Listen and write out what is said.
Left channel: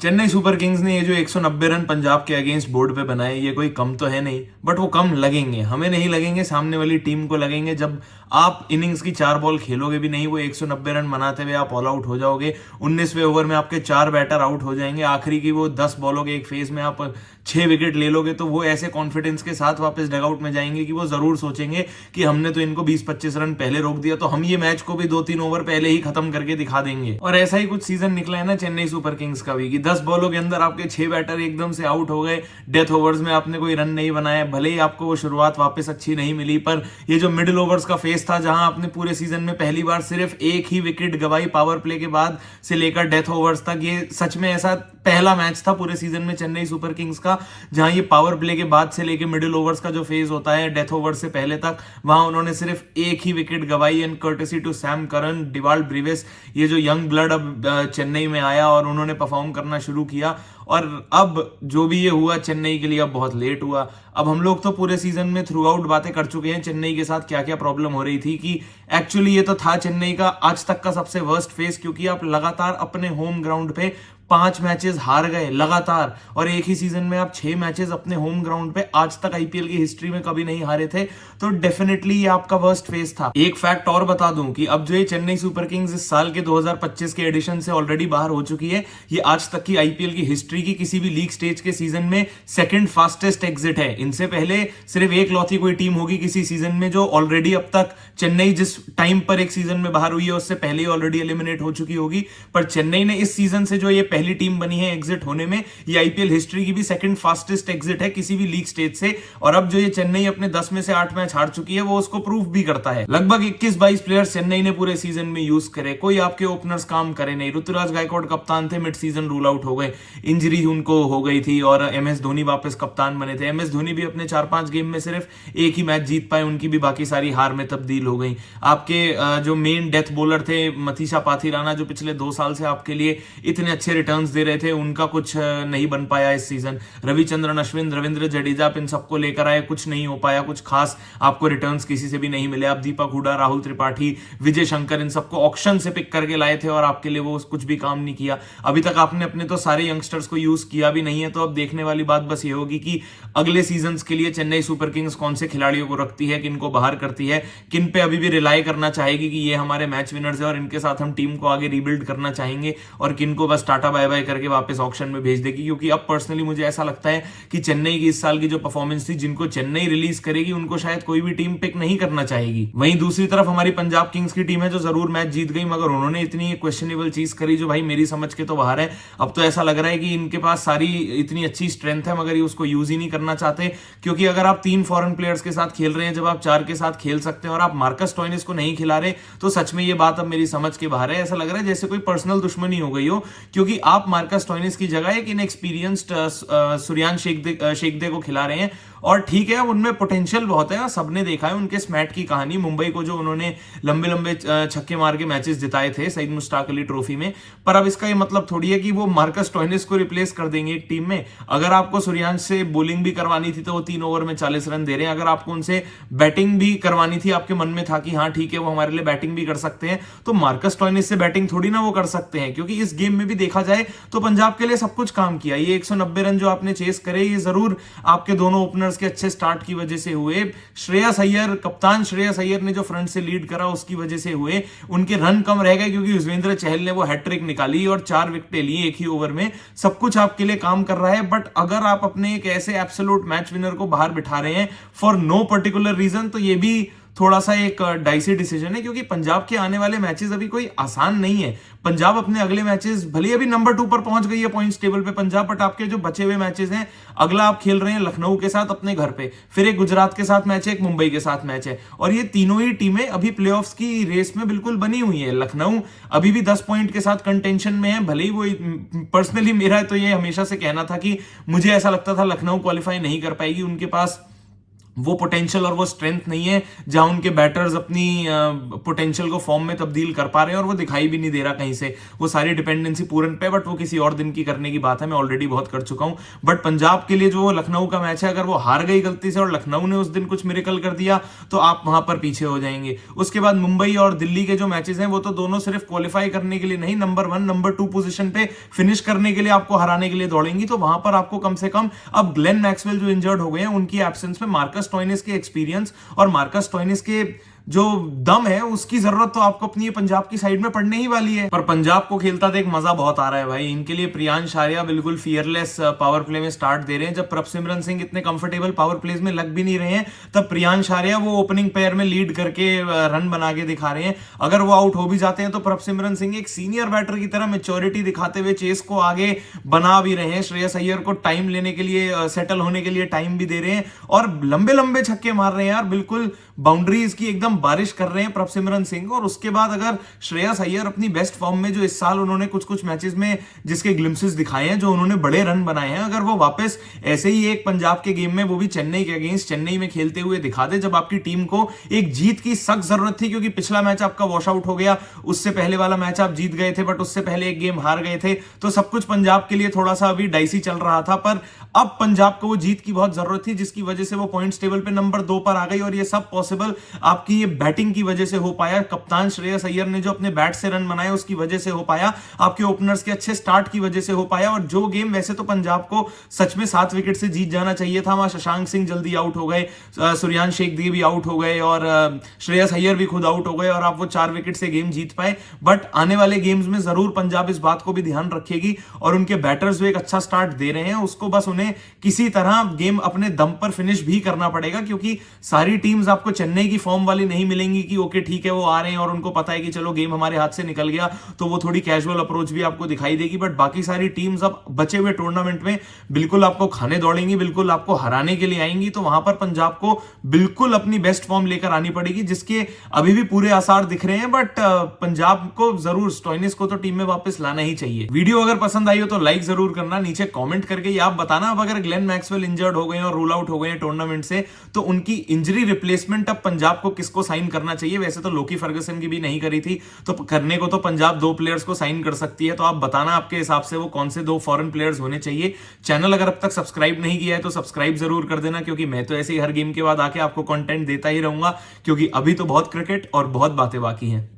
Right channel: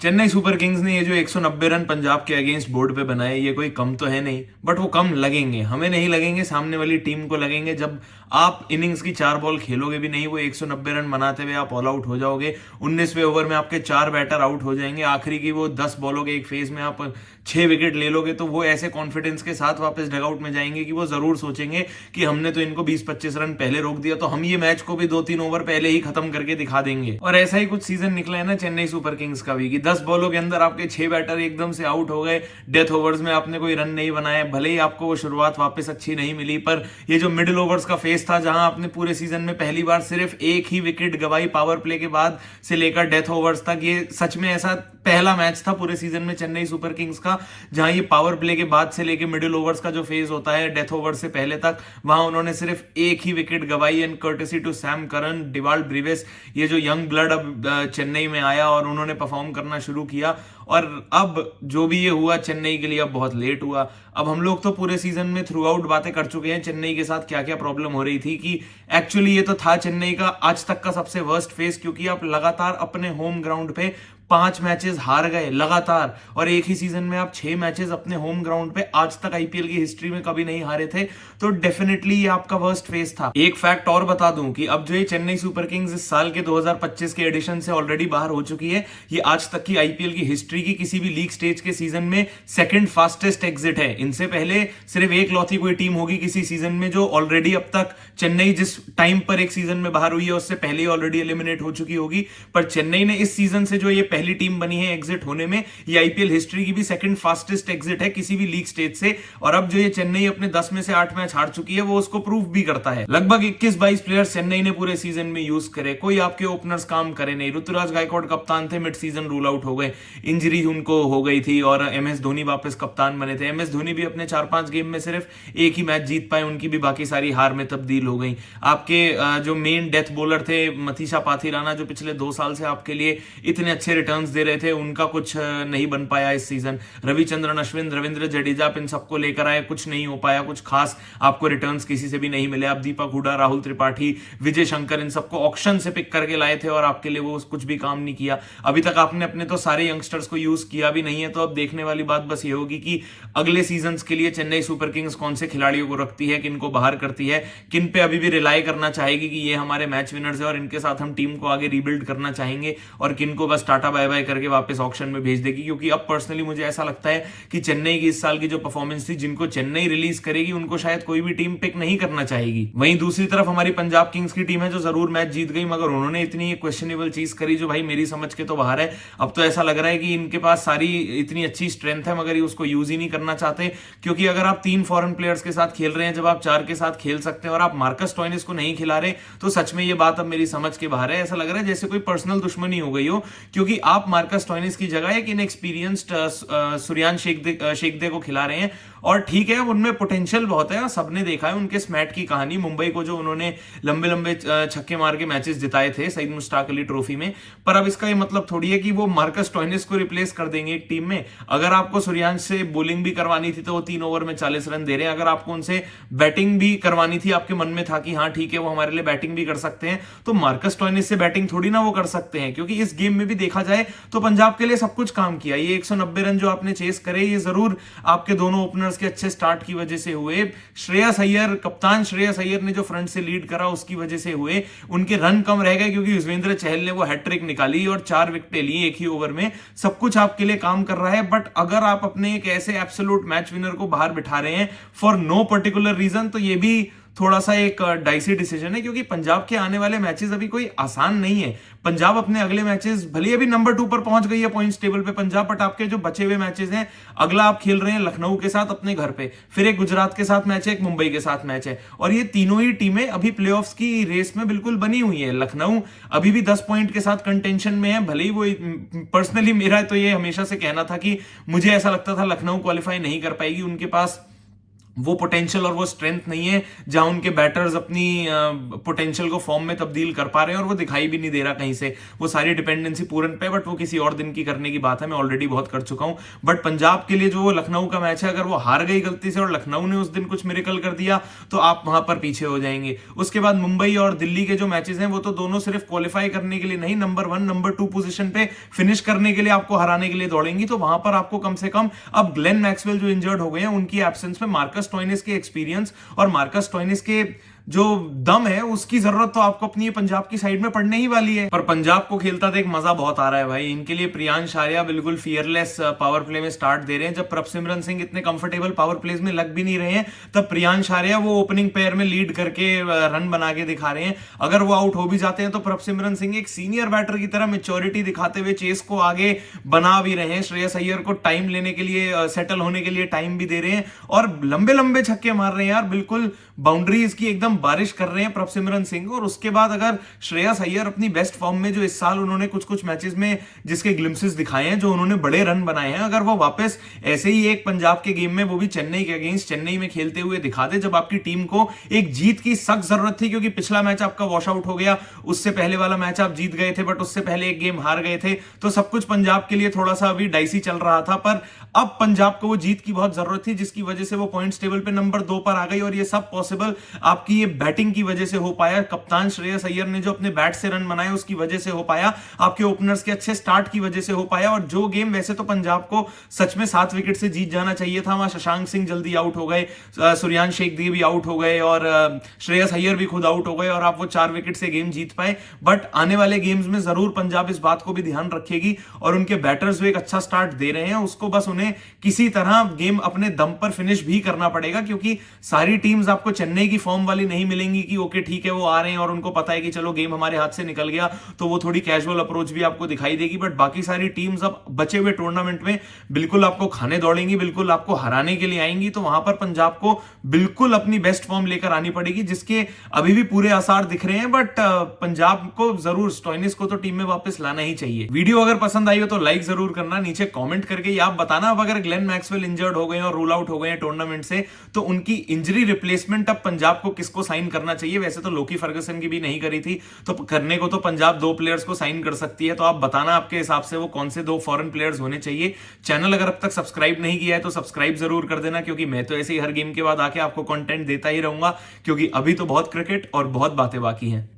Chennai super Kings ने ये जो 190 रन पंजाब के अगेंस्ट बोर्ड पे बनाए, ये कोई कम तो है नहीं, बट वो कम लगेंगे, हमें नहीं लगेंगे, सामने वाली टीम को लगेंगे। जब आप इनिंग्स की 4 बॉल खेलोगे भी नहीं, वो 190 रन बनाते हुए आप ऑल आउट हो जाओगे। 19वें ओवर में आपके 4 बैटर आउट हो जाएंगे, आखिरी की वो 10 बॉलों के एक फेज में आप 6 विकेट ले लोगे, तो वो ऐसे कॉन्फिडेंस के साथ वापस डगआउट में जाएंगे कि वो जरूर सोचेंगे कि हमने तो इनको 20-25 रन पहले रोक दिया, तो हम ये मैच को भी 2-3 ओवर पहले ही खत्म करके दिखा देंगे। और ऐसा ही कुछ सीजन निकला है ना चेन्नई सुपर किंग्स का भी, कि 10 बॉलों के अंदर आपके 6 बैटर एकदम से आउट हो गए, डेथ ओवर्स में आपने कोई रन नहीं बनाए, भले ही आपको वो शुरुआत वापस अच्छी नहीं मिली, पर ये जो मिडिल ओवर्स का फेज था जहां आपने पूरे सीजन में पहली बार सिर्फ एक ही विकेट गवाई पावर प्ले के बाद से लेकर डेथ ओवर्स तक, ये सच में ऐसा पहला मैच था पूरे सीजन में चेन्नई सुपर किंग्स का जहां ये पावर प्ले के बाद से लेकर मिडिल ओवर्स का जो फेज होता है डेथ ओवर से पहले तक, वहां उन्होंने सिर्फ एक ही विकेट गवाई। And courtesy to Sam Curran, Dewald Brevis, ये जो यंग ब्लड अब चेन्नई में आया और उन्होंने परफॉर्म करना शुरू किया। और अब जो भी ये हुआ चेन्नई के लिए अब बहुत लेट हुआ। अब हम लोग तो पूरे सीजन में थ्रू आउट बातें कर चुके हैं चेन्नई के साथ क्या क्या प्रॉब्लम हो रही थी, कि एक्चुअली ये तो था चेन्नई का आज तक का सबसे वर्स्ट फेज, क्योंकि आप लगातार अपने होम ग्राउंड पे 5 मैचेस हार गए लगातार, और एक ही सीजन में आप 6 मैचेस अपने होम ग्राउंड पे आज तक आईपीएल की हिस्ट्री में कभी नहीं हारे थे। तो डेफिनेटली ये आपका वर्स्ट फेज था। एक फैक्ट और बता दूं कि अब जो ये चेन्नई सुपर किंग्स इस साल के 2025 के एडिशन से ऑलरेडी बाहर हो चुकी है, ये आज तक की आईपीएल की हिस्ट्री की किसी भी लीग स्टेज के सीजन में सेकंड फास्टेस्ट एग्जिट है। इनसे पहले सिर्फ एक लौती कोई टीम होगी किसी सीजन में जो ऑलरेडी अब तक, चेन्नई जिस टाइम पर एक सीजन में बाहर हुई है उससे पहले ही ऑलरेडी एलिमिनेट हो चुकी होगी, पर चेन्नई ने इस सीजन से जो ये पहली टीम बनी है एग्जिट होने में, ये आईपीएल हिस्ट्री की भी सेकंड फास्टेस्ट एग्जिट है किसी भी लीग स्टेज से। और अब जो ये चेन्नई अपने 10 में से 8 मैच हार चुकी है, वो उसको प्रूफ भी करता है। लगभग 21-22 प्लेयर्स चेन्नई ने पूरे सीजन में यूज करे, कोई आपके ओपनर्स काम करे नहीं। ऋतुराज गायकवाड़ कप्तान थे, मिड सीजन रूल आउट हो गए, इंजरी उनको हो गई थी, और एमएस धोनी वापस कप्तान बने थे। एमएस धोनी भी अपने 4-5 गेम में सिर्फ एक ही मैच जीत पाए, उनकी भी बाकी सारी हार में तब्दील हो गई। आपके जो मेन डेथ बॉलर थे मथीशा पाथीराना, जो पिछले 2 साल से आपके लिए इतने अच्छे रिटर्न्स दे रहे थे, उनका कुछ नहीं बन पाया इस सीजन। रविचंद्रन अश्विन, रविंद्र जडेजा, इन सबको लेकर आए, कुछ नहीं हो पाया, कुछ खास आपको रिटर्न्स किसी से भी नहीं मिले। आप दीपक हुडा, राहुल त्रिपाठी, विजय शंकर, इन सबको ऑक्शन से पिक करके लाए थे और आपके लिए वो कुछ भी काम नहीं किया। अभी तक आपने अपने तो सारे यंगस्टर्स को यूज किया भी नहीं है। तो अब देखने वाली बात बस ये होगी कि अगले सीजन के लिए चेन्नई सुपर किंग्स कौन से खिलाड़ियों को रखती है, किन को बाहर करती है, किन पे अभी भी रिलाई करना चाहेगी कि ये हमारे मैच विनर्स है और इनके साथ हम टीम को आगे रीबिल्ड करना चाहेंगे, और किन को बस टाटा बाय बाय करके वापस ऑक्शन में भेज देगी। क्योंकि अब पर्सनली मुझे ऐसा लगता है कि चेन्नई की इस साल की जो परफॉर्मेंस थी, जिनको चेन्नई रिलीज करेगी उनको शायद कोई भी टीम पिक नहीं करना चाहेगी। वहीं दूसरी तरफ हमारी पंजाब किंग्स की टीम है जो जरूर मैच जीत गई, मगर उन्होंने इतनी क्वेश्चनेबल चीज करी जो भाई मेरी समझ के तो बाहर है। अब तो ऐसा लग रहा है कि इनके पास सारी इतनी अच्छी स्ट्रेंथ है मगर ये उसको यूज ही नहीं करना चाहते। क्योंकि अगर आप 3 फॉरेन प्लेयर्स के साथ खेल रहे हैं, जब आप 4 के साथ खेल सकते हैं, और आप मार्कस स्टोइनिस को नहीं खिला रहे, तो सच में ये बात अब मेरी समझ के बाहर है। ऐसा लग रहा है जैसे कोई पर्सनल दुश्मनी हो गई हो, क्योंकि आप मार्कस स्टोइनिस की जगह एक इनएक्सपीरियंस्ड सूर्यान शेखदे को खिला रहे हैं। और ठीक है, उनमें पोटेंशियल बहुत है और सबने देखा है उनके स्मैट की कहानी, मुंबई को जो उन्होंने लंबे लंबे छक्के मार के मैचेस जिताए थे सईद मुश्ताक अली ट्रॉफी में। पर अब इसका ये मतलब थोड़ी है कि वो मार्कस स्टोइनिस को रिप्लेस कर देंगे एक टीम में। अगर आपको सूर्यांश से बॉलिंग भी करवानी थी तो वो 3 ओवर में 40 रन दे रहे हैं। अगर आपको उनसे बैटिंग भी करवानी थी, आपके मन में था कि हाँ ठीक है वो हमारे लिए बैटिंग भी कर सकते हैं, तो मार्कस स्टोइनिस से बैटिंग थोड़ी ना वो कर सकते हैं। क्योंकि इस गेम में भी देखा जाए तो पंजाब के लिए सब कुछ काम किया। ये 190 रन जो आपने चेस करे, ये जरूर आपके दोनों ओपनर्स के अच्छे स्टार्ट की वजह से हुए। श्रेयस अय्यर, कप्तान श्रेयस अय्यर ने जो फ्रंट से लीड करा उसकी वजह से हुए। उनके रन कम रह गए क्योंकि युजवेंद्र चहल ने वो हैट्रिक निकाली और 4 विकेटें ली एक ही ओवर में। सब कुछ आपके लिए काम कर रहा है, बट अगर आप अपने एक ऐसे एब्सोल्यूट मैच विनर को बाहर बिठा रहे हैं फॉर नो पर्टिकुलर रीजन, तो ये भी थोड़ा सा एक डाइसी डिसीजन है। क्योंकि पंजाब के आने वाले मैचेस अभी कोई आसान नहीं है। पंजाब अपने अगले मैचेस, भले अभी नंबर 2 पर पहुंच गई है पॉइंट्स टेबल पे पंजाब, बट आपके जो बचे हुए मैचेस हैं, अगला आप खेल रहे हैं लखनऊ के साथ अपने घर पे, फिर एक गुजरात के साथ मैच है, एक मुंबई के साथ मैच है, और ये तीनों ही टीमें अभी प्लेऑफ्स की रेस में बिल्कुल बनी हुई है। लखनऊ अभी भी 10 पॉइंट के साथ कंटेंशन में है। भले ही वो, पर्सनली मेरा तो ये हमेशा से कहना था कि मुझे ऐसा लगता था लखनऊ क्वालिफाई नहीं कर पाएगी, उनके पास वो पोटेंशियल और वो स्ट्रेंथ नहीं है जहां उनके बैटर्स अपनी पोटेंशियल को फॉर्म में तब्दील कर पा रहे हैं, और वो दिखाई भी नहीं दे रहा कहीं से। वो सारी डिपेंडेंसी पूरन पे, बट वो किसी और दिन की करने की बात है, मैं ऑलरेडी बहुत कर चुका हूं। बट पंजाब के लिए जो लखनऊ का मैच है, अगर वो हार गई गलती से और लखनऊ ने उस दिन कुछ मिरेकल कर दिया तो आप वहां पर पीछे हो जाएंगे। उसके बाद मुंबई और दिल्ली के जो मैचेस हैं वो तो दोनों सिर्फ क्वालिफाई करने के लिए नहीं, नंबर 1 नंबर 2 पोजीशन पे फिनिश करने के लिए आपको हराने के लिए दौड़ेंगी। तो वहां पर आपको कम से कम, अब ग्लेन मैक्सवेल जो इंजर्ड हो गए हैं उनकी एब्सेंस में मार्कस स्टोइनिस के एक्सपीरियंस और मार्कस स्टोइनिस के जो दम है उसकी जरूरत तो आपको अपनी पंजाब की साइड में पड़ने ही वाली है। पर पंजाब को खेलता देख मजा बहुत आ रहा है भाई। इनके लिए प्रियांश आर्या बिल्कुल फियरलेस पावर प्ले में स्टार्ट दे रहे हैं। जब प्रभसिमरन सिंह इतने कंफर्टेबल पावर प्लेज में लग भी नहीं रहे हैं, तब प्रियांश आर्या वो ओपनिंग पेयर में लीड करके रन बना के दिखा रहे हैं। अगर वो आउट हो भी जाते हैं तो प्रभसिमरन सिंह एक सीनियर बैटर की तरह मेच्योरिटी दिखाते हुए चेस को आगे बना भी रहे हैं। श्रेयस अय्यर को टाइम लेने के लिए, सेटल होने के लिए टाइम भी दे रहे हैं, और लंबे लंबे छक्के मार रहे हैं यार। बिल्कुल बाउंड्रीज की एकदम बारिश कर रहे हैं प्रभसिमरन सिंह। और उसके बाद अगर श्रेयस अय्यर अपनी बेस्ट फॉर्म में, जो इस साल उन्होंने कुछ कुछ मैचेस में जिसके ग्लिम्पसेस दिखाए हैं, जो उन्होंने बड़े रन बनाए हैं, अगर वो वापस ऐसे ही एक पंजाब के गेम में, वो भी चेन्नई के अगेंस्ट चेन्नई में खेलते हुए दिखा दे, जब आपकी टीम को एक जीत की सख्त जरूरत थी, क्योंकि पिछला मैच आपका वॉश आउट हो गया, उससे पहले वाला मैच आप जीत गए थे, बट उससे पहले एक गेम हार गए थे, तो सब कुछ पंजाब के लिए थोड़ा सा अभी डाइसी चल रहा था। पर अब पंजाब को वो जीत की बहुत जरूरत थी, जिसकी वजह से वो पॉइंट्स टेबल पे नंबर 2 पर आ गई। और ये सब पॉसिबल आपकी ये बैटिंग की वजह से हो पाया। कप्तान श्रेयस अय्यर ने जो अपने बैट से रन बनाए उसकी वजह से हो पाया, आपके ओपनर्स के अच्छे स्टार्ट की वजह से हो पाया। और जो गेम वैसे तो पंजाब को सच में 7 विकेट से जीत जाना चाहिए था, वहां शशांक सिंह जल्दी आउट हो गए, सूर्यांश शेखदी भी आउट हो गए, और श्रेयस अय्यर भी खुद आउट हो गए, और आप वो 4 विकेट से गेम जीत पाए। बट आने वाले गेम्स में जरूर पंजाब इस बात को भी ध्यान रखेगी, और उनके बैटर्स जो एक अच्छा स्टार्ट दे रहे हैं उसको बस उन्हें किसी तरह गेम अपने दम पर फिनिश भी करना पड़ेगा, क्योंकि सारी टीम्स आपको चेन्नई की फॉर्म वाली नहीं मिलेंगी कि ओके ठीक है वो आ रहे हैं और उनको पता है कि चलो गेम हमारे हाथ से निकल गया, तो वो थोड़ी कैजुअल अप्रोच भी आपको दिखाई देगी। बट बाकी सारी टीम्स अब बचे हुए टूर्नामेंट में बिल्कुल आपको खाने दौड़ेंगी, बिल्कुल आपको हराने के लिए आएंगी। तो वहां पर पंजाब को बिल्कुल अपनी बेस्ट फॉर्म लेकर आनी पड़ेगी, जिसके अभी भी पूरे आसार दिख रहे हैं। बट पंजाब को जरूर, स्टोइनिस को तो टीम में वापस लाना ही चाहिए। वीडियो अगर पसंद आई हो तो लाइक जरूर करना, नीचे कॉमेंट करके आप बताना अब अगर ग्लेन मैक्सवेल इंजर्ड हो गए और रूल आउट हो गए टूर्नामेंट से, तो उनकी इंजरी रिप्लेसमेंट अब पंजाब को किसको साइन करना चाहिए। वैसे तो लोकी फर्गसन की भी नहीं करी थी, तो करने को तो पंजाब 2 प्लेयर्स को साइन कर सकती है। तो आप बताना आपके हिसाब से वो कौन से 2 फॉरेन प्लेयर्स होने चाहिए। चैनल अगर अब तक सब्सक्राइब नहीं किया है तो सब्सक्राइब जरूर कर देना, क्योंकि मैं तो ऐसे ही हर गेम के बाद आके आपको कंटेंट देता ही रहूंगा, क्योंकि अभी तो बहुत क्रिकेट और बहुत बातें बाकी हैं।